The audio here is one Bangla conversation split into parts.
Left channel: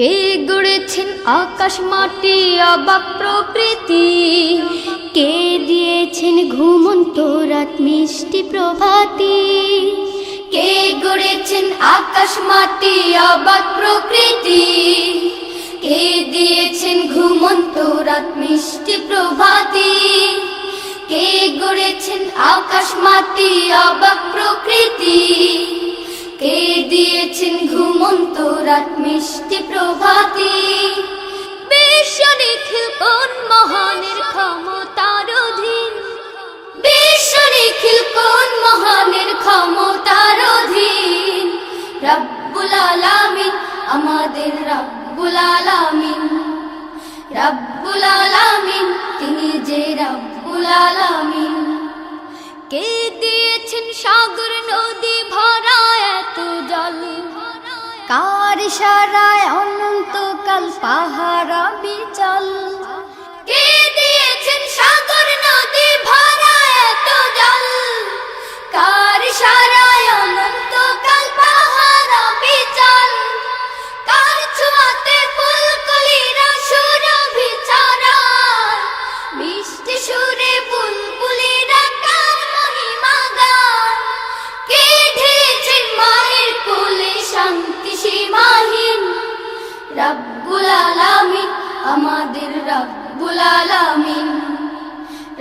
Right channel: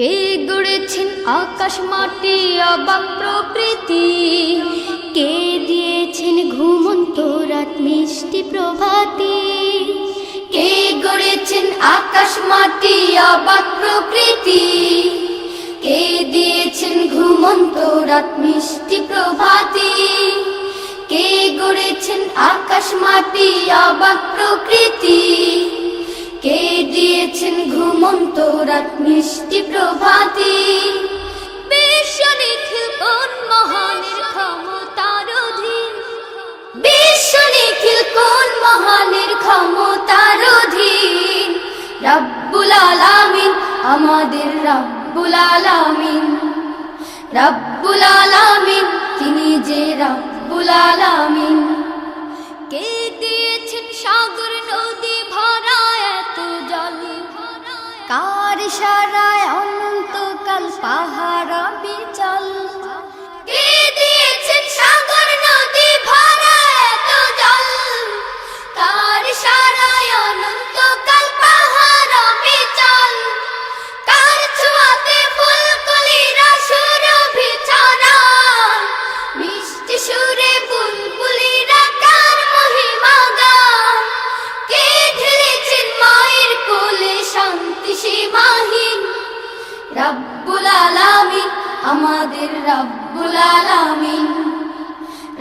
কে গড়েছেন আকাশ মাটি অবাক প্রকৃতি, কে দিয়েছেন ঘুমন্ত রাত মিষ্টি প্রভাতি। কে গড়েছেন আকাশ মাটি অবাক প্রকৃতি, কে দিয়েছেন ঘুমন্ত রাত মিষ্টি প্রভাতি। কে গড়েছেন আকাশ মাটি অবাক প্রকৃতি, কে দিয়েছেন ঘুমন্ত রাত মিষ্টি প্রভাতি। বিশ্ব নিখিল কোন মহানের ক্ষমতার অধীন, বিশ্ব নিখিল কোন মহানের ক্ষমতার অধীন। রব্বুল আলামিন আমাদের রব্বুল আলামিন, রব্বুল আলামিন তিনি যে রব্বুল আলামিন। কে দিয়েছেন সাগর নদী ভরা এত জল, কার ইশারায় অনন্তকাল পাহাড় বিচল। কে দিয়েছেন সাগর নদী ভরা এত জল, কার ইশারায় অনন্তকাল পাহাড় বিচল। কার ছোঁয়াতে ফুলকলিরা সুরভি ছড়ায়, মিষ্টি সুরে বুলবুলিরা কার মহিমা গায়। কে ঢেলেছেন মায়ের কোলে শান্তি সীমাহীন, রব্বুল আলামিন আমাদের রব্বুল আলামিন,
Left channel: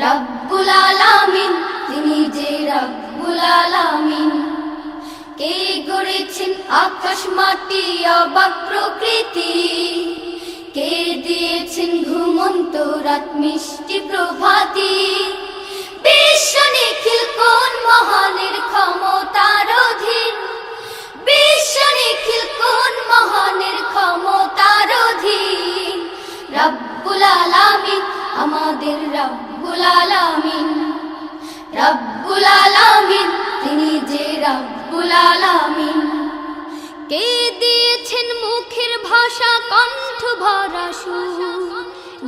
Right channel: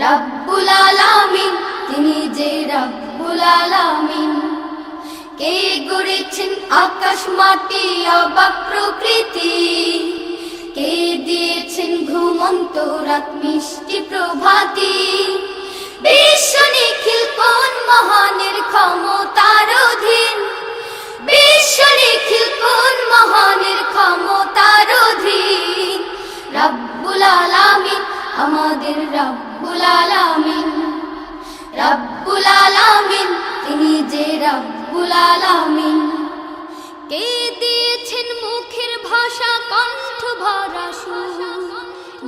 রব্বুল আলামিন তিনি যে রব্বুল আলামিন। কে গড়েছেন আকাশ মাটি অবাক প্রকৃতি, কে দিয়েছেন ঘুমন্ত রাত মিষ্টি প্রভাতি। বিশ্ব নিখিল কোন মহানের ক্ষমতার অধীন, বিশ্ব নিখিল কোন মহানের ক্ষমতার অধীন। রব্বুল আলামিন আমাদের রব্বুল আলামিন, রব্বুল আলামিন তিনি যে রব্বুল আলামিন। কে দিয়েছেন মুখের ভাষা কণ্ঠ ভরা সুর,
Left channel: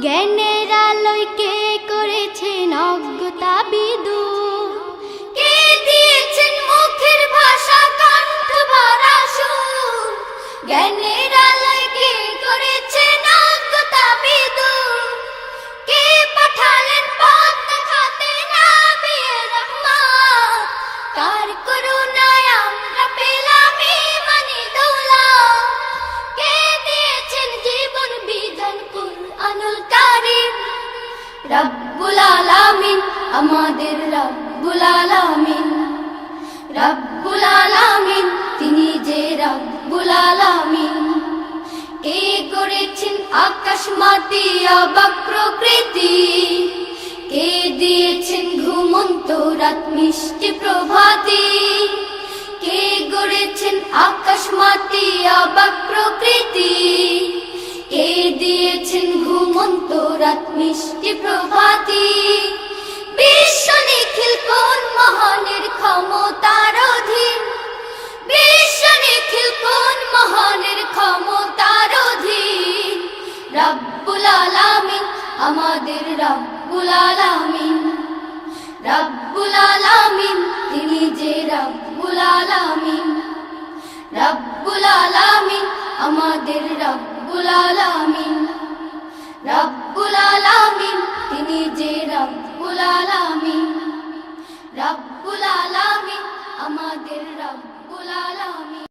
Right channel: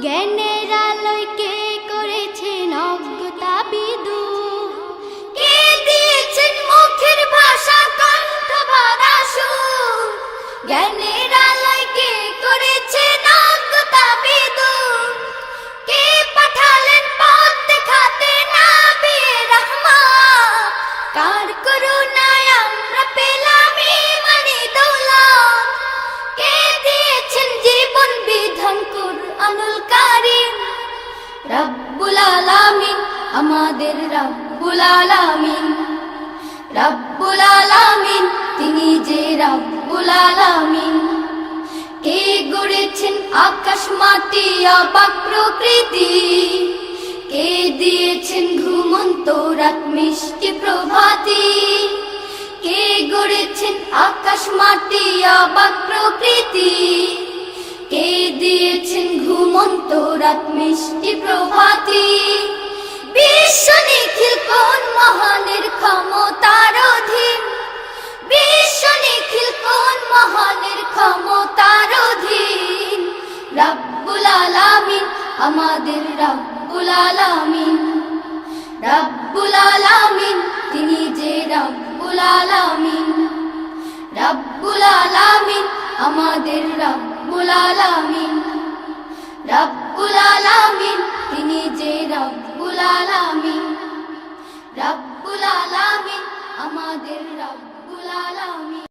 জ্ঞানের আলোয় কে করেছেন অজ্ঞতা বিদূর। কে দিয়েছেন মুখের ভাষা কণ্ঠ ভরা সুর, জ্ঞানের আলোয় কে করেছেন অজ্ঞতা বিদূর। কে পাঠালেন পথ দেখাতে নবিয়ে রহমত, কার করুণায় আমরা পেলাম ঈমানি দৌলত। কে দিয়েছেন জীবন বিধান কুরআনুল কারীম, রব্বুল আলামিন আমাদের রব্বুল আলামিন, রব্বুল আলামিন তিনি যে রব্বুল আলামিন। কে গড়েছেন আকাশ মাটি অবাক প্রকৃতি, কে দিয়েছেন ঘুমন্ত রাত মিষ্টি প্রভাতি। কে গড়েছেন আকাশ মাটি অবাক প্রকৃতি, কে দিয়েছেন ঘুমন্ত রাত মিষ্টি প্রভাতি। বিশ্ব নিখিল কোন মহানের ক্ষমতার অধীন, বিশ্ব নিখিল কোন মহানের ক্ষমতার অধীন। রব্বুল আলামিন আমাদের রব্বুল আলামিন, রব্বুল আলামিন তিনি যে রব্বুল আলামিন, রব্বুল আলামিন আমাদের রব্বুল আলামিন, রব্বুল আলামিন তিনি যে রব্বুল আলামিন, রব্বুল আলামিন আমাদের রব্বুল আলামিন।